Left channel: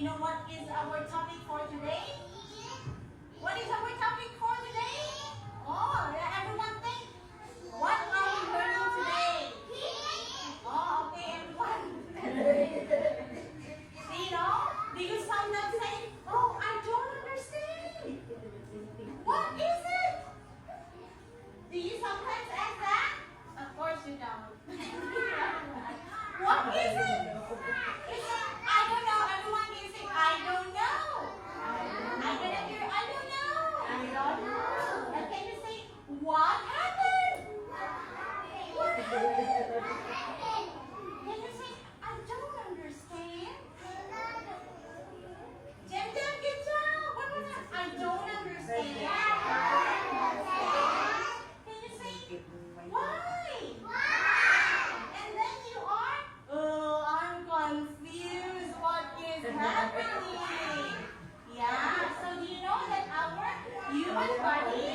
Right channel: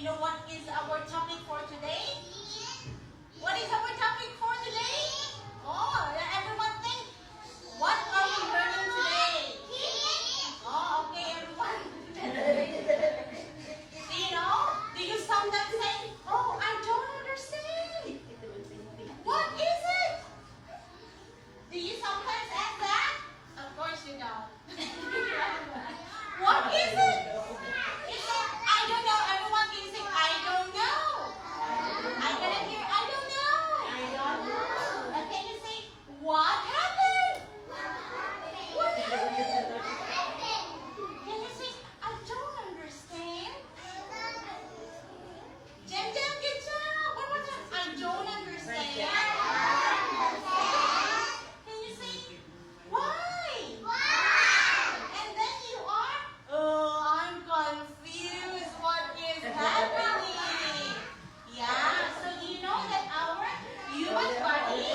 you know what is our topic for today? What is our topic for today? Oh, everyone think, what are we learning today? Oh, okay, everyone. Do you know? Do you sometimes say, oh, I don't understand. What is it? Do you sometimes ask that? Of course you don't. What is it? Is it, I don't know. Everyone can say, I don't know. I cannot hear, I don't know. I don't know. And can you say, what happened? What happened? Can you say, I don't understand? Jem, good job. One more time. I don't understand. Can you say, why? And then you are, oh, I'm confused. What is happening? Yeah, so do you know that our human body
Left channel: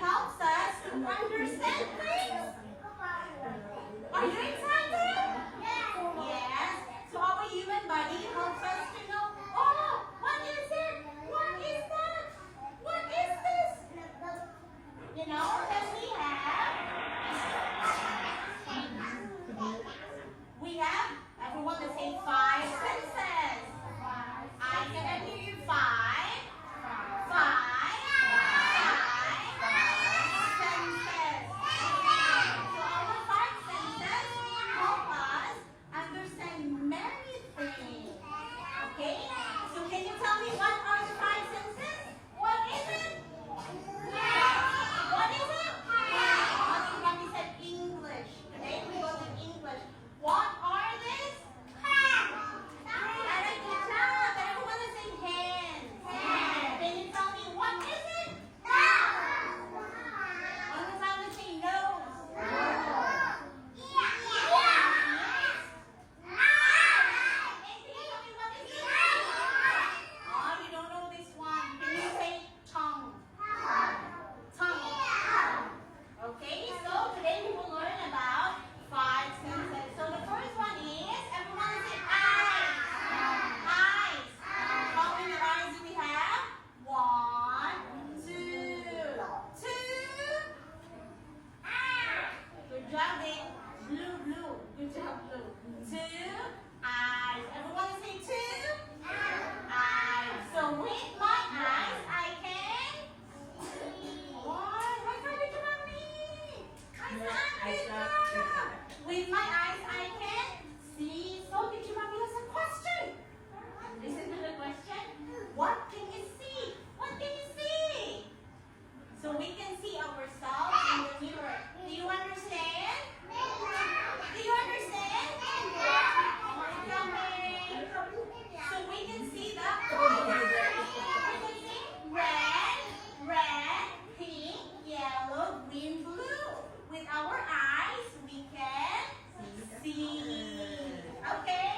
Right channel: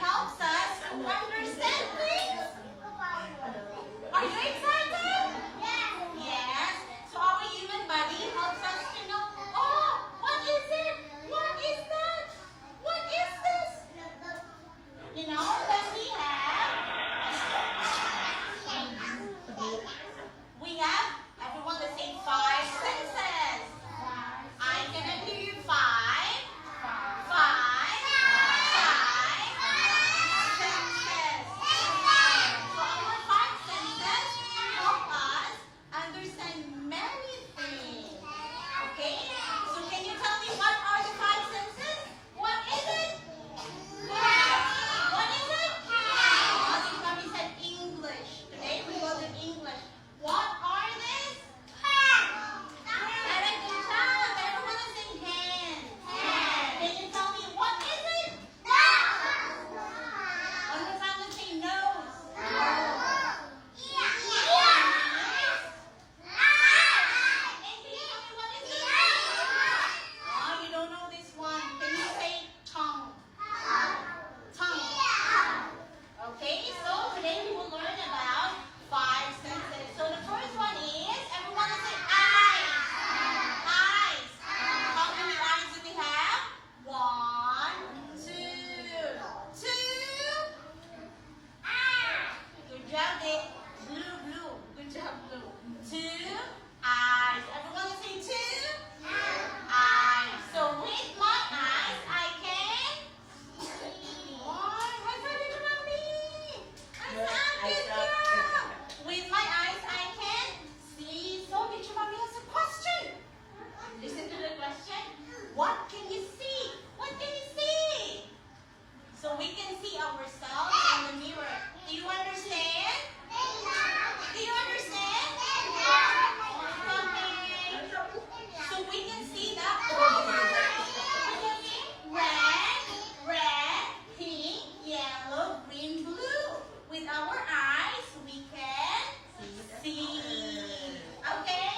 helps us to understand things? Are you excited? Yes. So our human body helps us to know, oh, what is it? What is that? What is this? You know, then we have, everyone let's say 5 senses. I cannot hear you. 5 senses. So our 5 senses help us understand many things. Okay? So can you tell me what are the 5 senses? What is it? What is it? Oh, Mommy said English. Today we will do English. What are these? Very good job. Everyone is saying hands. Can you tell me what is it? One more time, let's say nose. And can you tell me what is it? Oh, you don't know this one. Can you say tongue? Tongue. Okay, so today we will learn about 5 senses. So the first one is, everyone will say eyes. Eyes. How many eyes do we have? 1, 2. 2. Good job, Dick. Blue. Good job, blue. 2 eyes. Everyone will say 2 eyes. So with my eyes, I can see. Oh, high five to Mommy. Good job. With my eyes, I can see. So, Teacher Mommy has a question. Listen to the question. What can you see? What can you see? So, we can see ourselves in the mirror. Do you understand? Do you understand? Okay. So, we can see the red, pink, yellow, green, blue. With our eyes, we can see. Okay?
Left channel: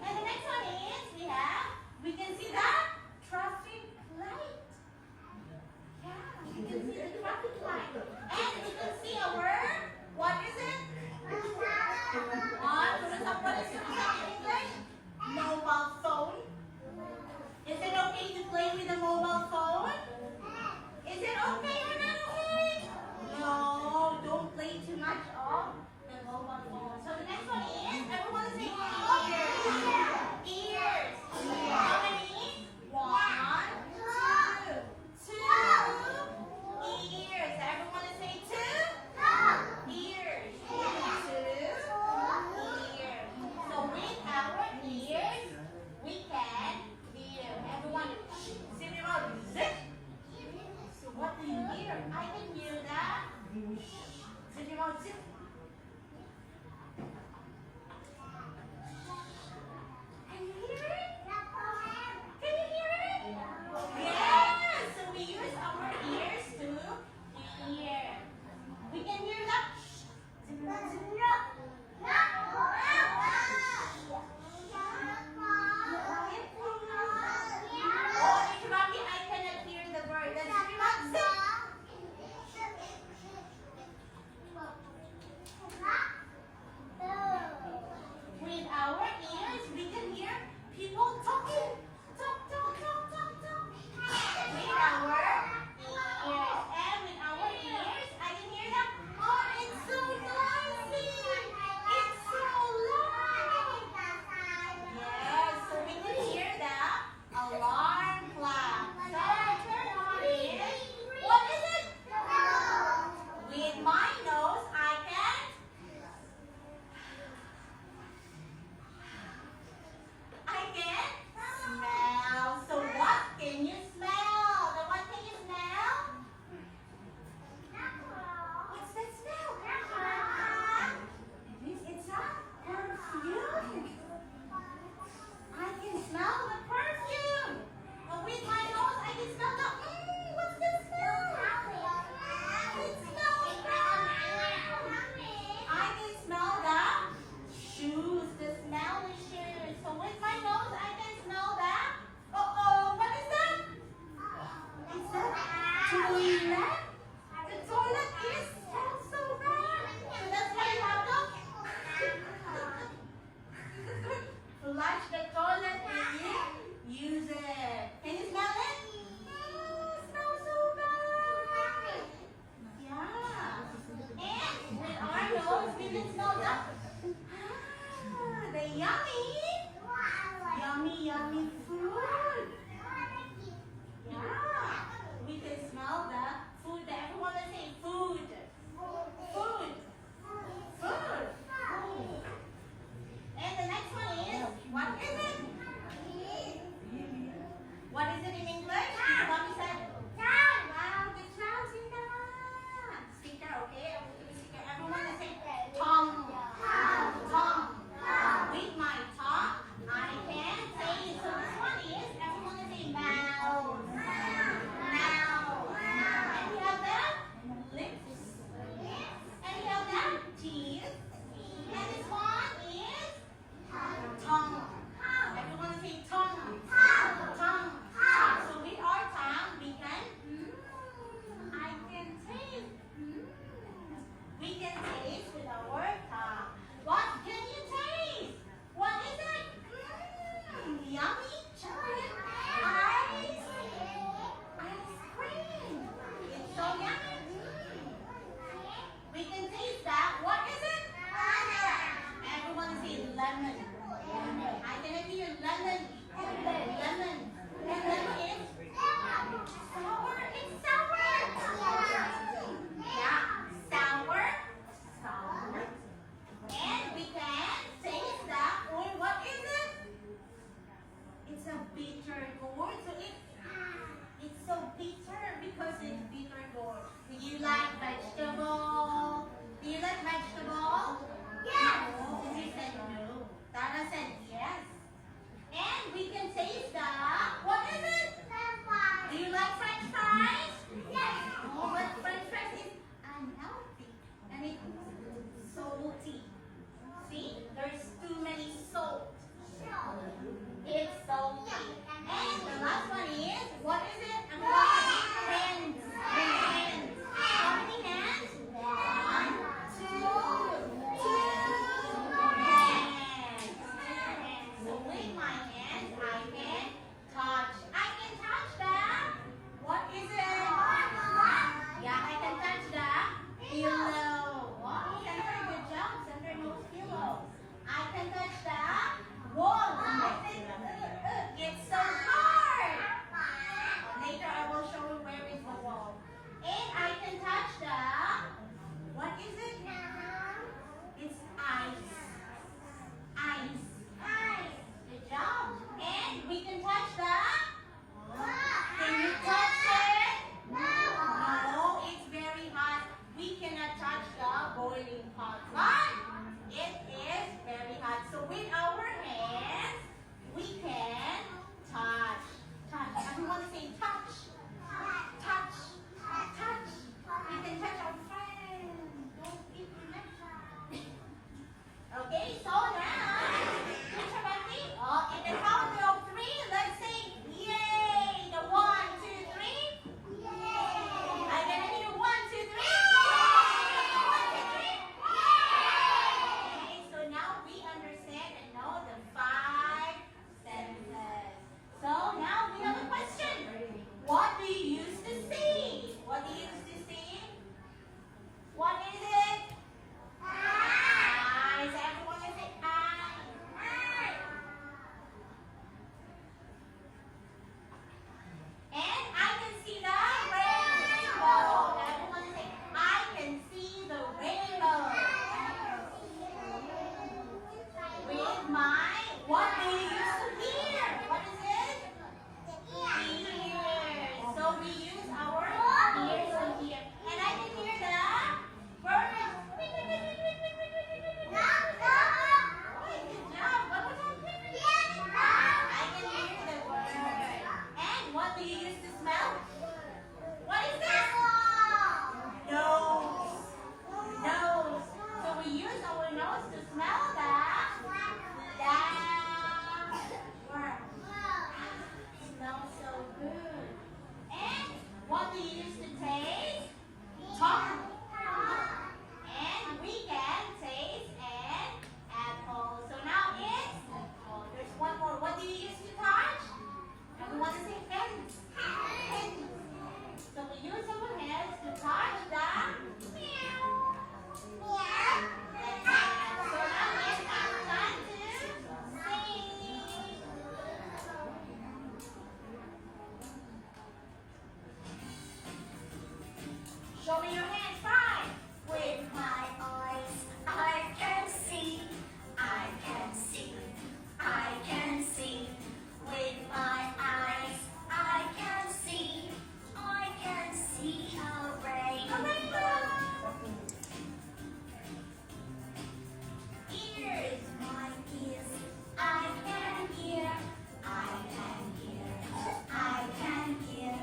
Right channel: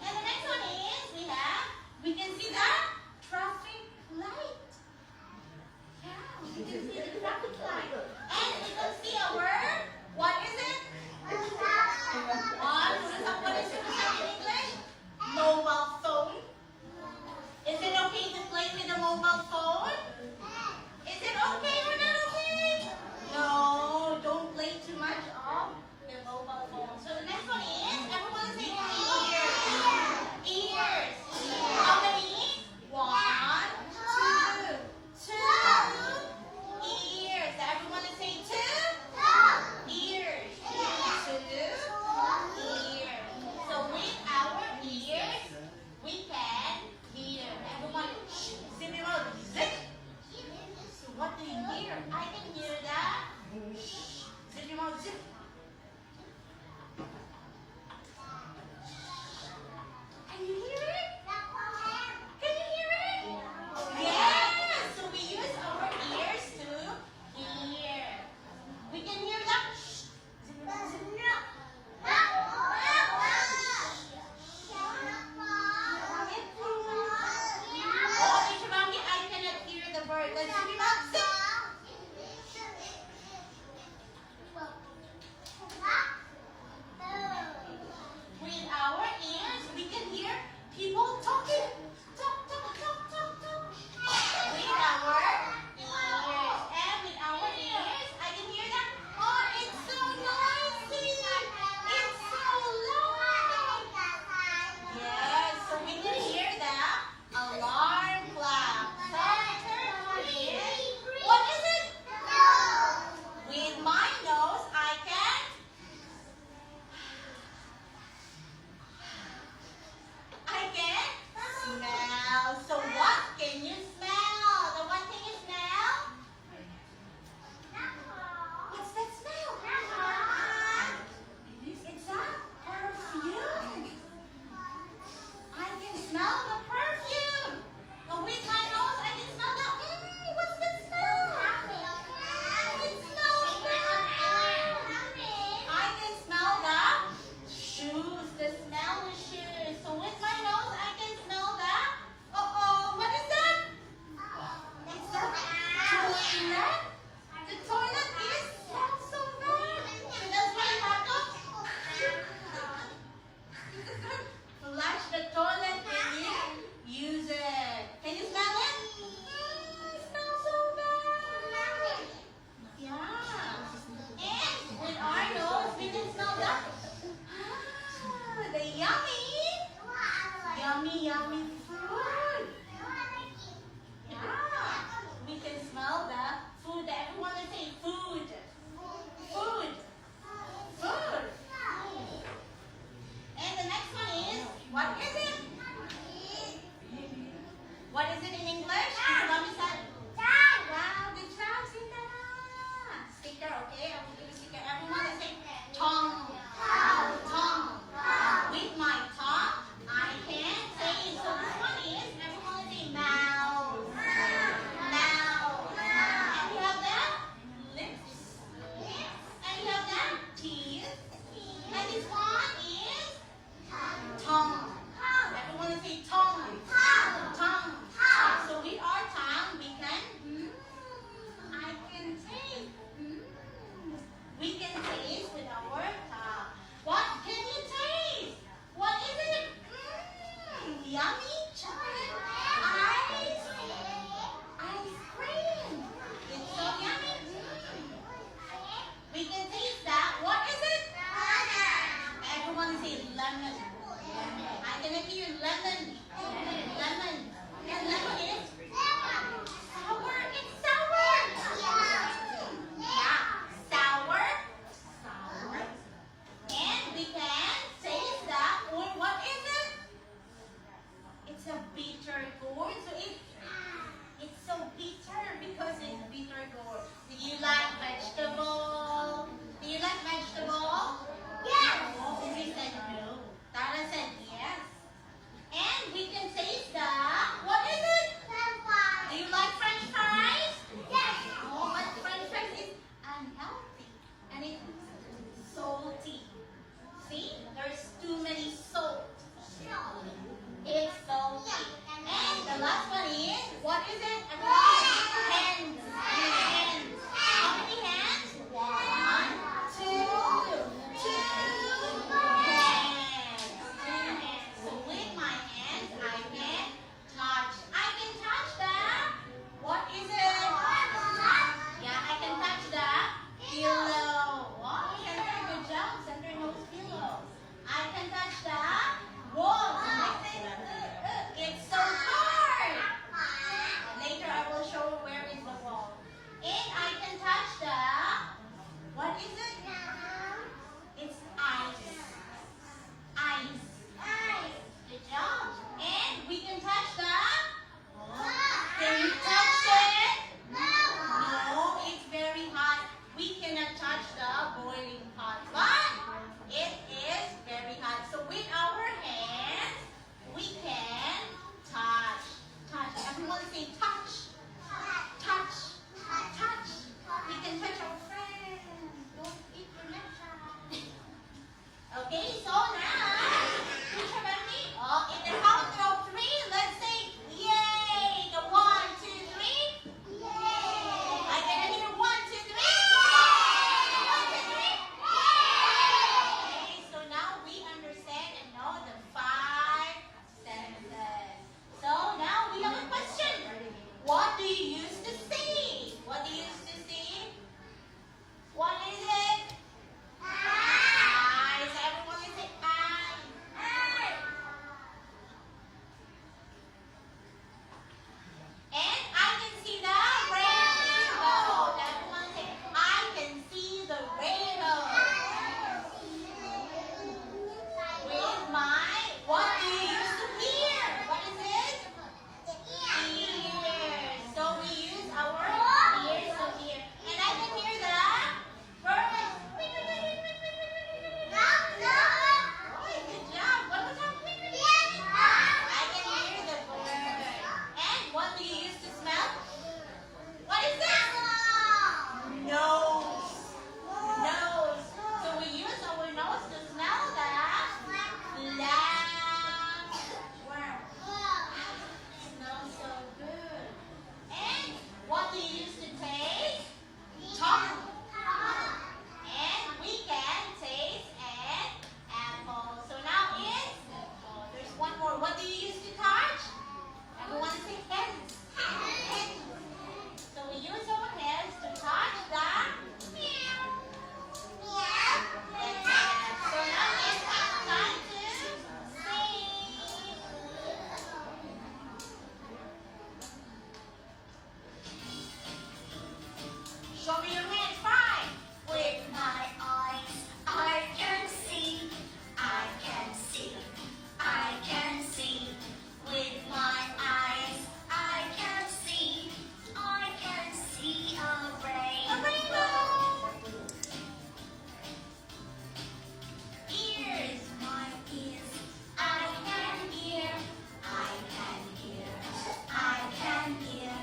And the next one is, we can see the traffic light. Yeah, we can see the traffic light. And we can see our, what is it? What is it in English? Mobile phone. Is it okay to play with a mobile phone? Is it okay or not okay? No, don't play too much of the mobile phone. So the next one is, everyone is saying ears. Ears. How many? 1, 2. 2 ears. Everyone is saying 2 ears. 2 ears. So with our ears, we can hear. Everyone, zip your mouth. Zip. So what do you hear? I can hear that. Zip your mouth. Zip. Can you hear it? Can you hear it? Yes. So we use our ears to hear. We can hear that. Zip your mouth. Zip. Oh, Teacher Mommy, I cannot hear the word. Let's zip your mouth. Zip. toilet? The toilet is smells so bad. So that's why you have to flush the toilet when you use it. Can you smell it? It smells so bad. Yeah. And with our nose, we can smell the yummy food. Yeah. We can smell the food. Everyone will say food. Food. Food. And the next one is, what is it? What is it in English? Mommy said, wow, good job, Cinderella. Sticker, okay? I will give a sticker. Everyone will say tongue. Tongue. With my tongue, I can say, so this one is, everyone will say mouth. Mouth. And we have the lips. And we have the teeth. And this one is tongue. Everyone will say tongue. Tongue. So with our tongue, we can, I can taste. We can taste with our tongue. What can you taste? What is it? Yummy chocolate ice cream. It's so yummy. We can taste that. What is it? Everyone say lemon. I can hear lemon. Lemon. And lemon is sour. It's sour. Yeah, sour. Sour. And we can taste that. Or what is it? It's a bitter gourd. So it's so bitter because it's bitter gourd. Do you like vegetable? Do you like vegetable? Yes. No, we said no. Tara said yes. And we can taste the, what is it? Do you like French fries? Yes. Oh, but French fries is unhealthy. And it's salty. See? There's too many salt. It's salty. And the last one is, what is it? Hands. Hands. How many hands? 1, 2, 2 hands. 2 hands. So with my hands, I can touch Show me your hands. 5. With my eyes, I can see. I can see. I can see. With my eyes, I can see. I can see a rainbow. Ears, my ears, I can hear. I can hear. I can hear.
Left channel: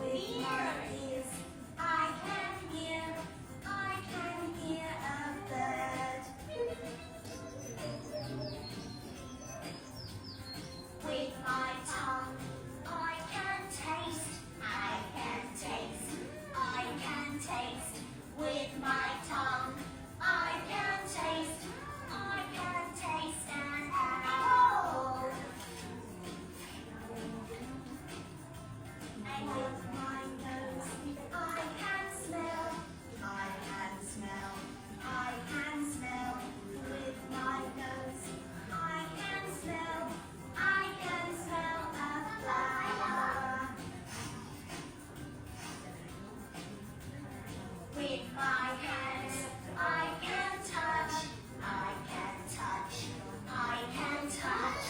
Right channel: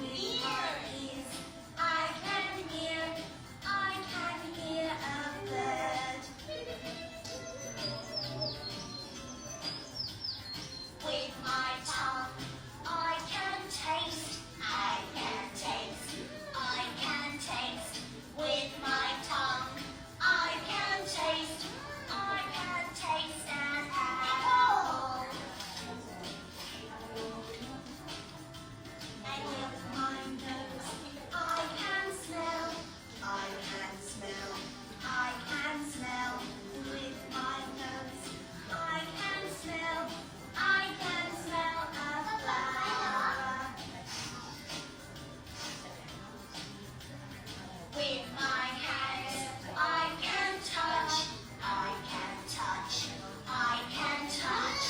With my ears, I can hear. I can hear a bird. With my tongue, I can taste. I can taste. I can taste. With my tongue, I can taste. I can taste an apple. And with my nose, I can smell. I can smell. I can smell. With my nose, I can smell. I can smell a flower. With my hands, I can touch. I can touch. I can touch.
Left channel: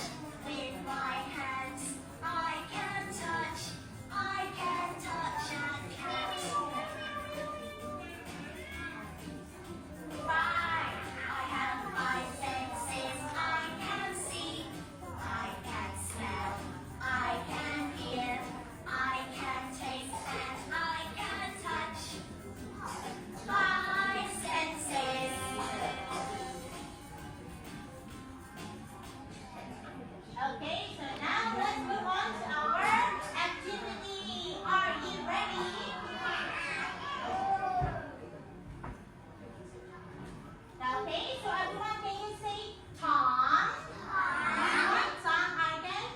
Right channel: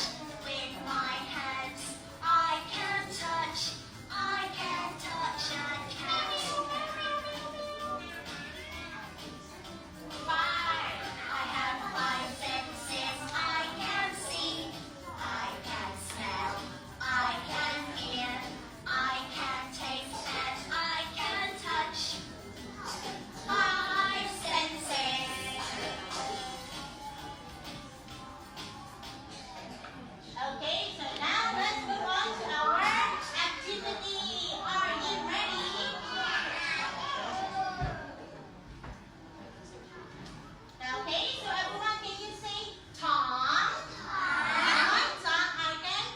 With my hands, I can touch. I can touch a cat. 5. I have 5 senses. I can see. I can smell. I can hear. I can taste and I can touch. 5 senses. Okay, so now let's move on to our activity. Are you ready? Okay, so everyone, can you say Tom? Tom, I can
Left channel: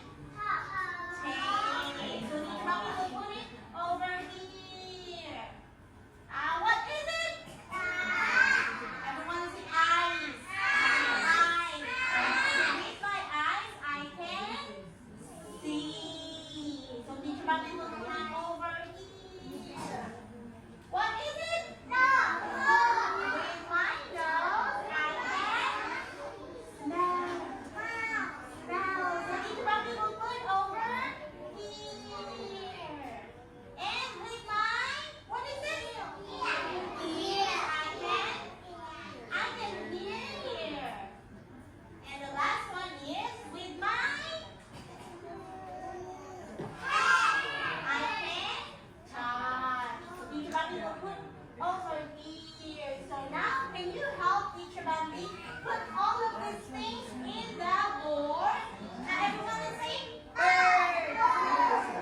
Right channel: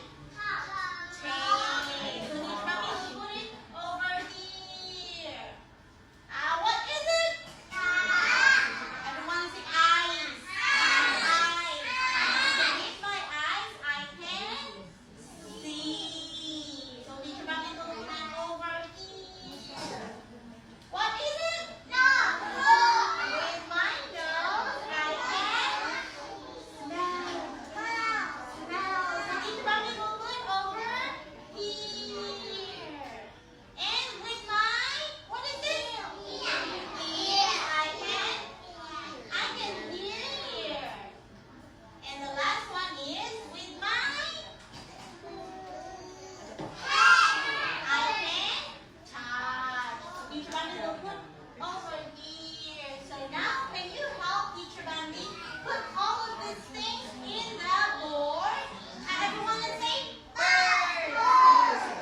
take. So this mommy will put it over here. What is it? Everyone say eyes. Eyes. So with my eyes, I can see. So teacher mommy will put it over here. What is it? With my nose, I can smell. So teacher mommy will put over here. And with my, what is it? Ear, I can hear. And the last one is with my, I can touch. So teacher Bambi will put over here. So now, can you help teacher Bambi put all of these things in the board? Everyone can say bird.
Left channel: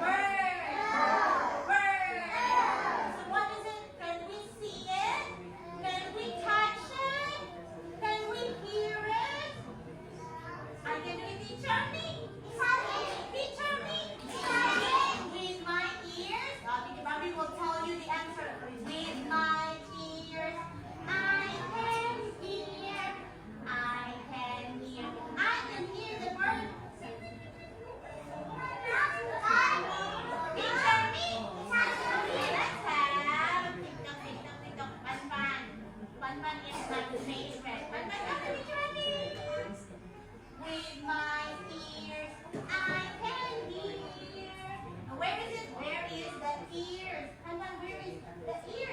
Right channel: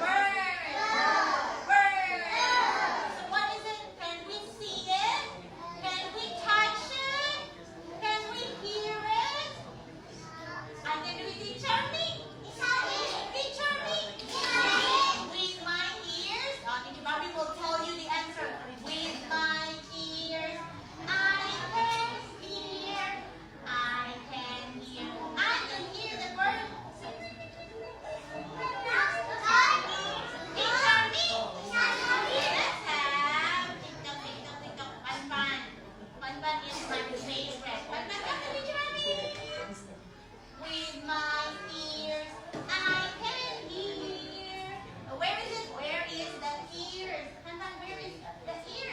Bird. Bird. So what is it? Can we see it? Can we touch it? Can we hear it? I can do it, teacher me. Teacher me. With my ears. Teacher Bobby will tell you the answer. With my ears, I can hear. I can hear. I can hear the bird. Teacher me. Let's have TikTok, TikTok, TikTok. Fun, fun. Fun, fun is my favorite. Fun, fun, come to teacher Bobby. With my ears, I can hear. Where is it? Where is the ears? Hantan, where is the ears?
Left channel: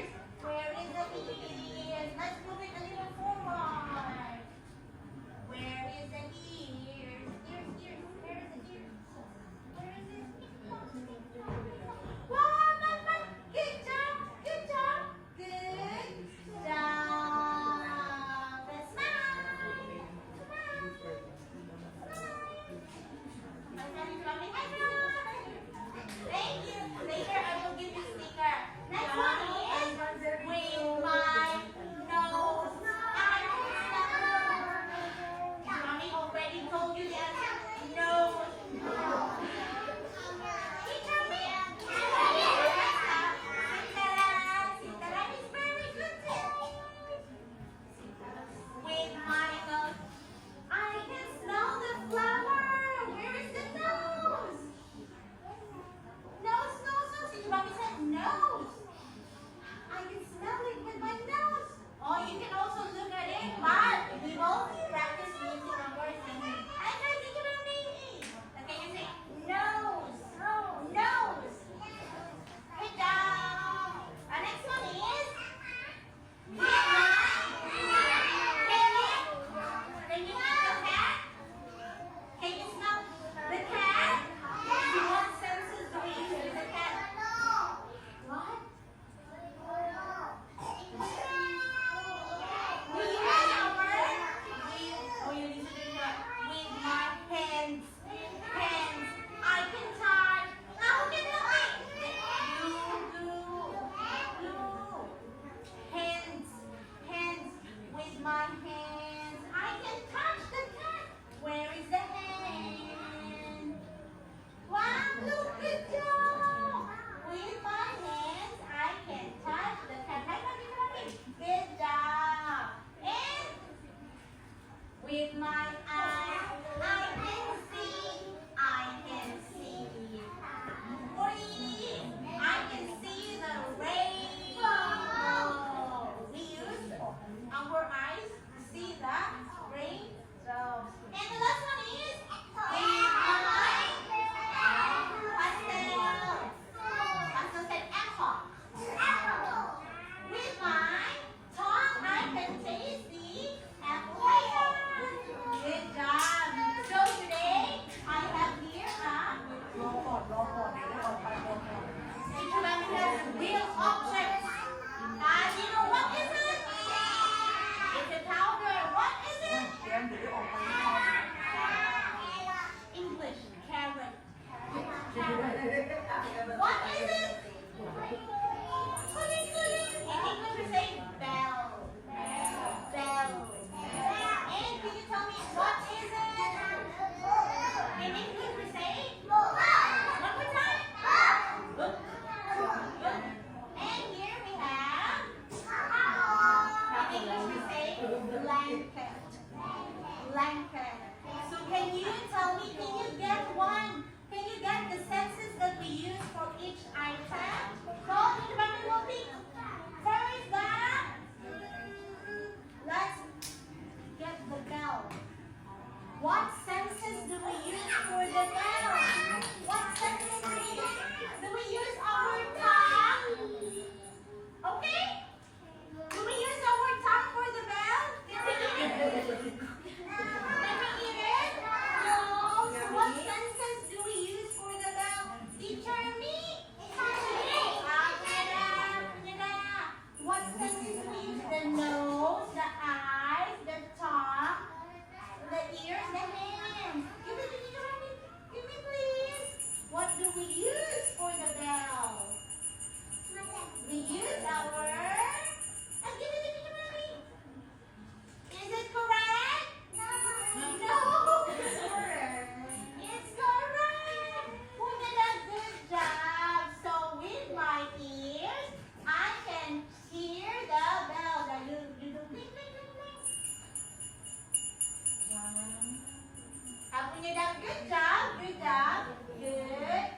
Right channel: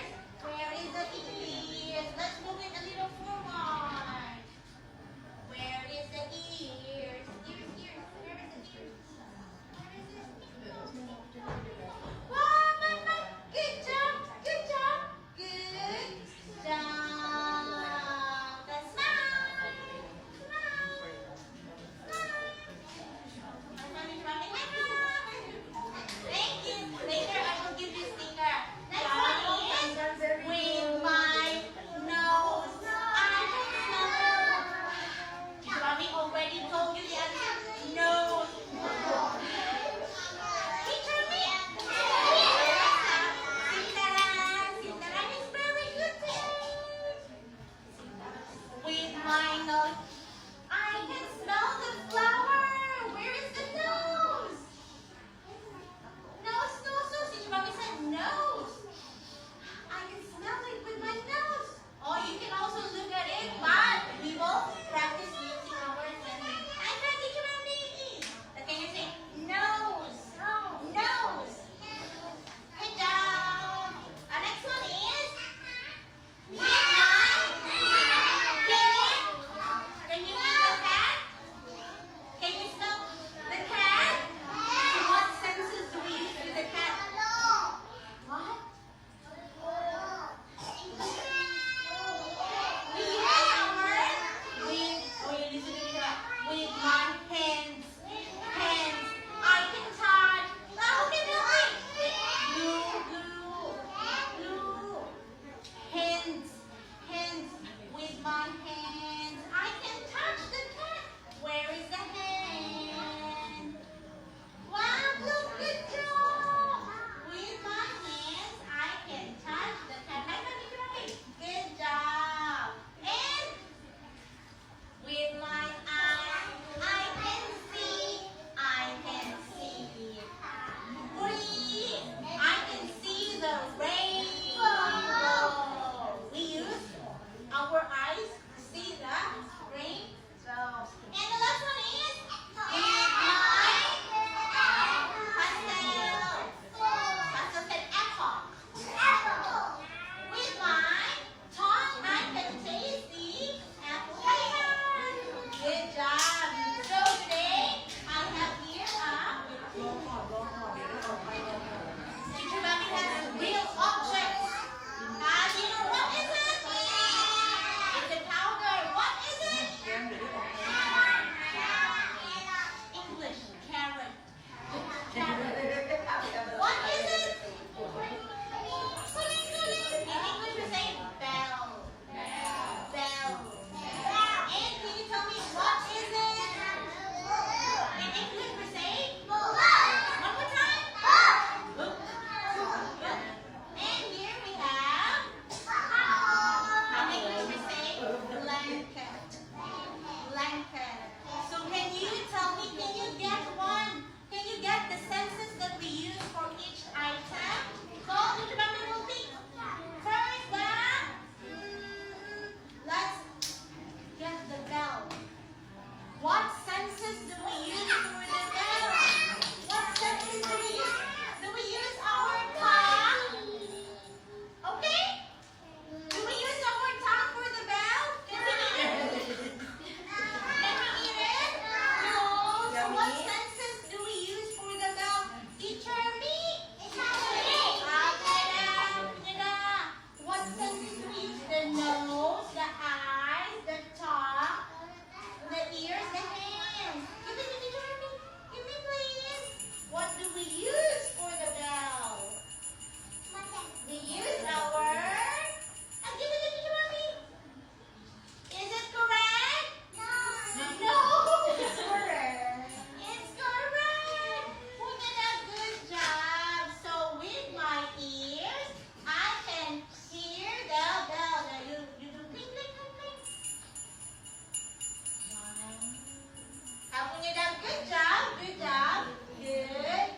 Good job. Good job. Good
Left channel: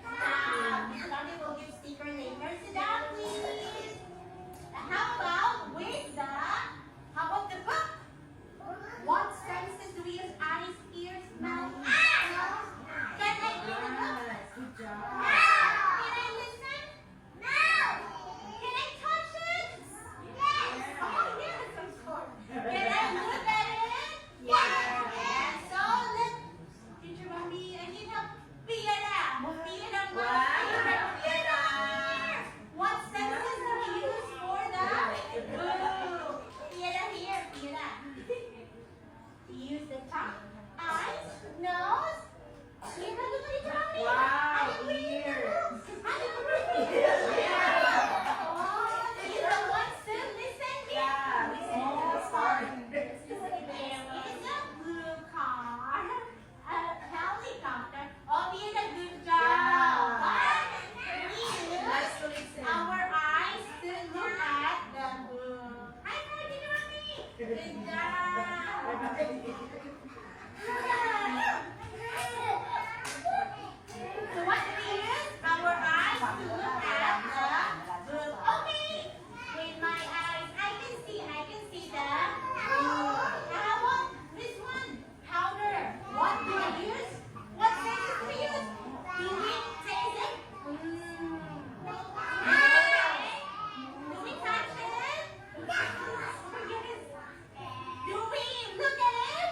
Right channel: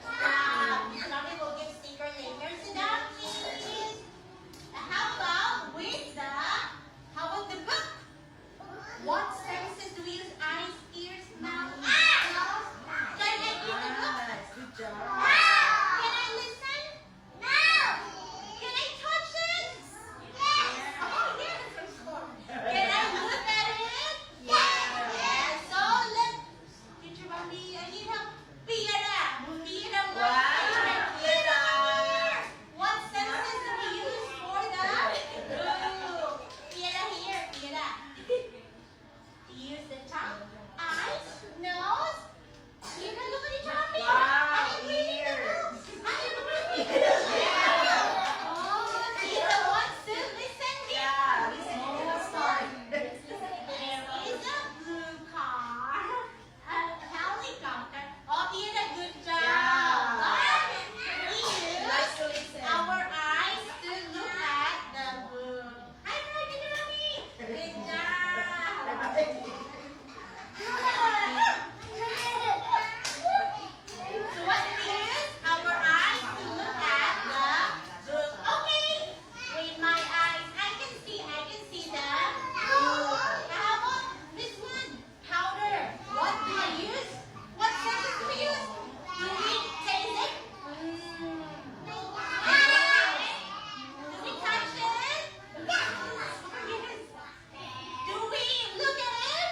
job. Miss Lovely will give sticker later. Sit down, please. How about with the, how about the book? What senses do we use? Eyes, ears, mouth, nose. Can I read the book? Good job. Can I listen? Can I touch it? Oh, yes, of course. Can I look at it? Yes. So let Teacher Bambi, I need help. Piera. Piera, what? Wow. Piera. What senses do we use for the? Ooh. Piera here. Piera. Use the tongue, eyes, nose. Piera, look at Teacher Bambi. Wow, I am reading the ears. book. I am reading. Oh, Piera wants to listen. Yeah, listen to the song. There is a blue car, a helicopter. Oh, Piera, good job. But we use Let's listen. our eyes to look at the book. High five, Teacher Bambi. Good job. So what do we use? Our eyes to look at the book. Okay. With my eyes, I can see the book. How about this one? Powder. What do I use? What senses do we use? Do we taste it? Do we touch it? Yes. Do we look at it?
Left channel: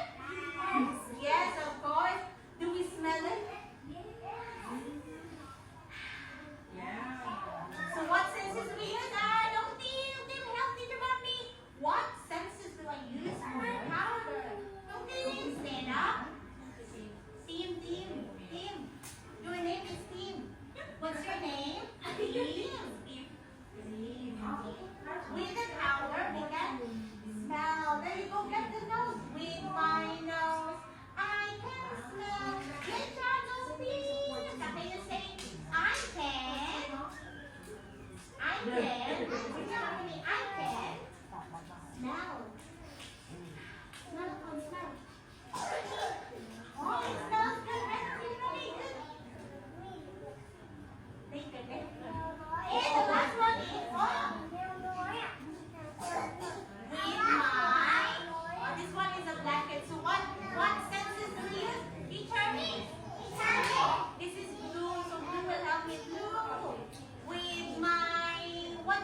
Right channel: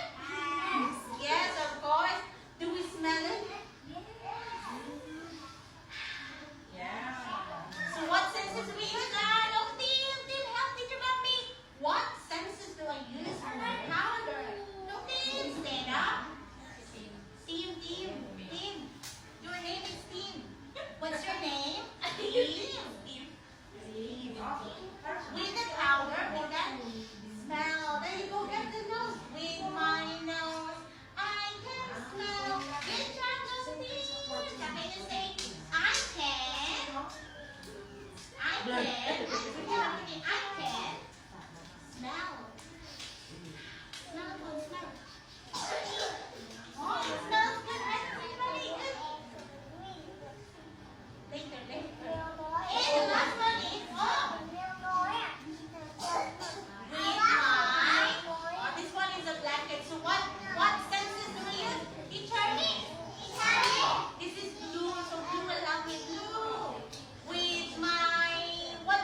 Yes, of course. Do we smell it? Yeah. So what senses do we use? No, Tim, help Teacher Bambi. What senses do I use for powder? No, Tim, stand up. Tim. Your name is Tim. What's your name? Tim. With the powder, we can smell. There you go, get the nose. With my nose, I can smell. Good job, nose, Tim. Something to say. I can. Would you help me? I can smell. Smell, come on, smell. Oh, it smells good. Very good. Later. And the last one is, this one is a blanket. So what senses do we use? Teacher? This is blue, so blue will help me. Blue. With my, what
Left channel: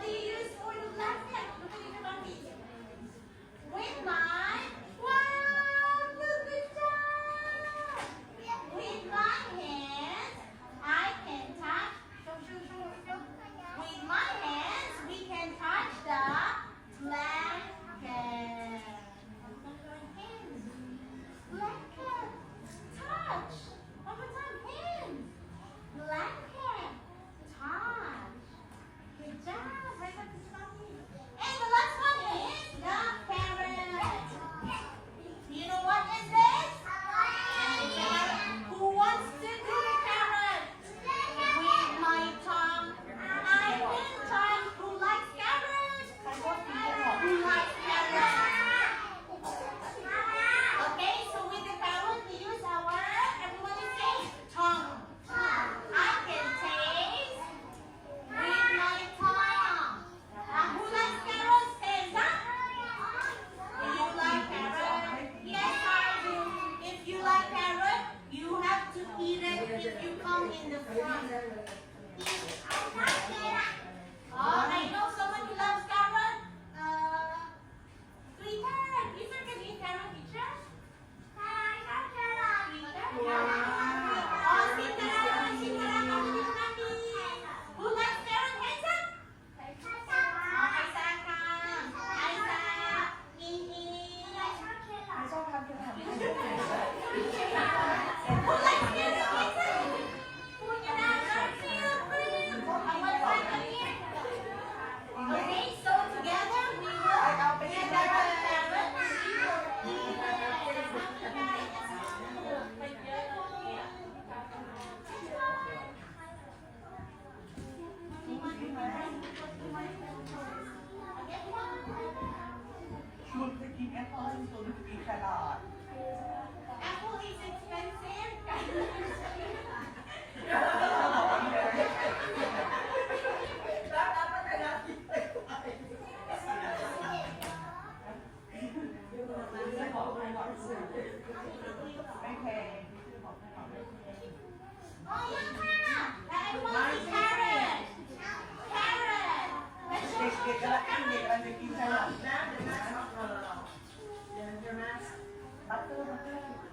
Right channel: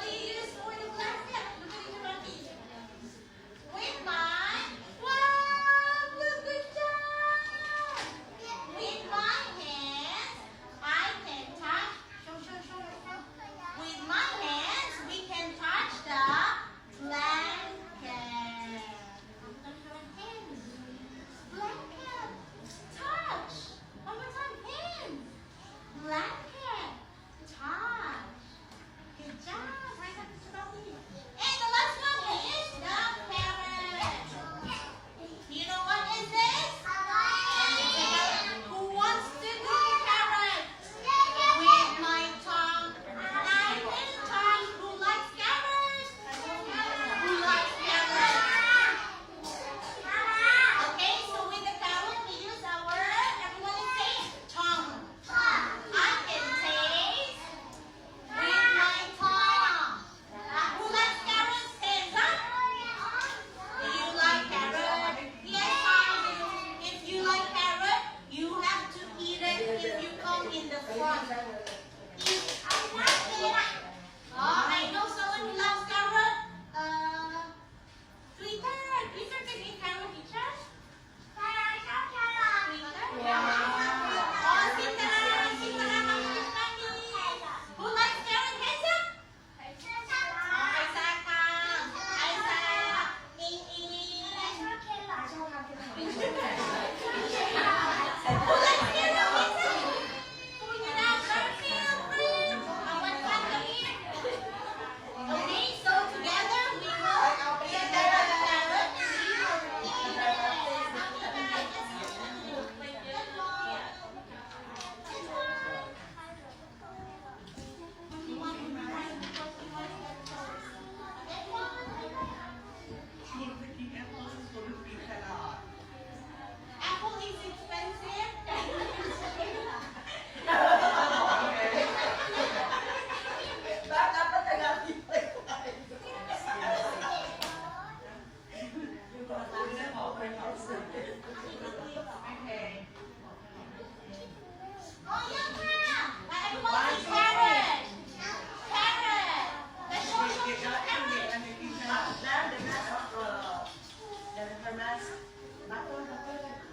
Butter, butter.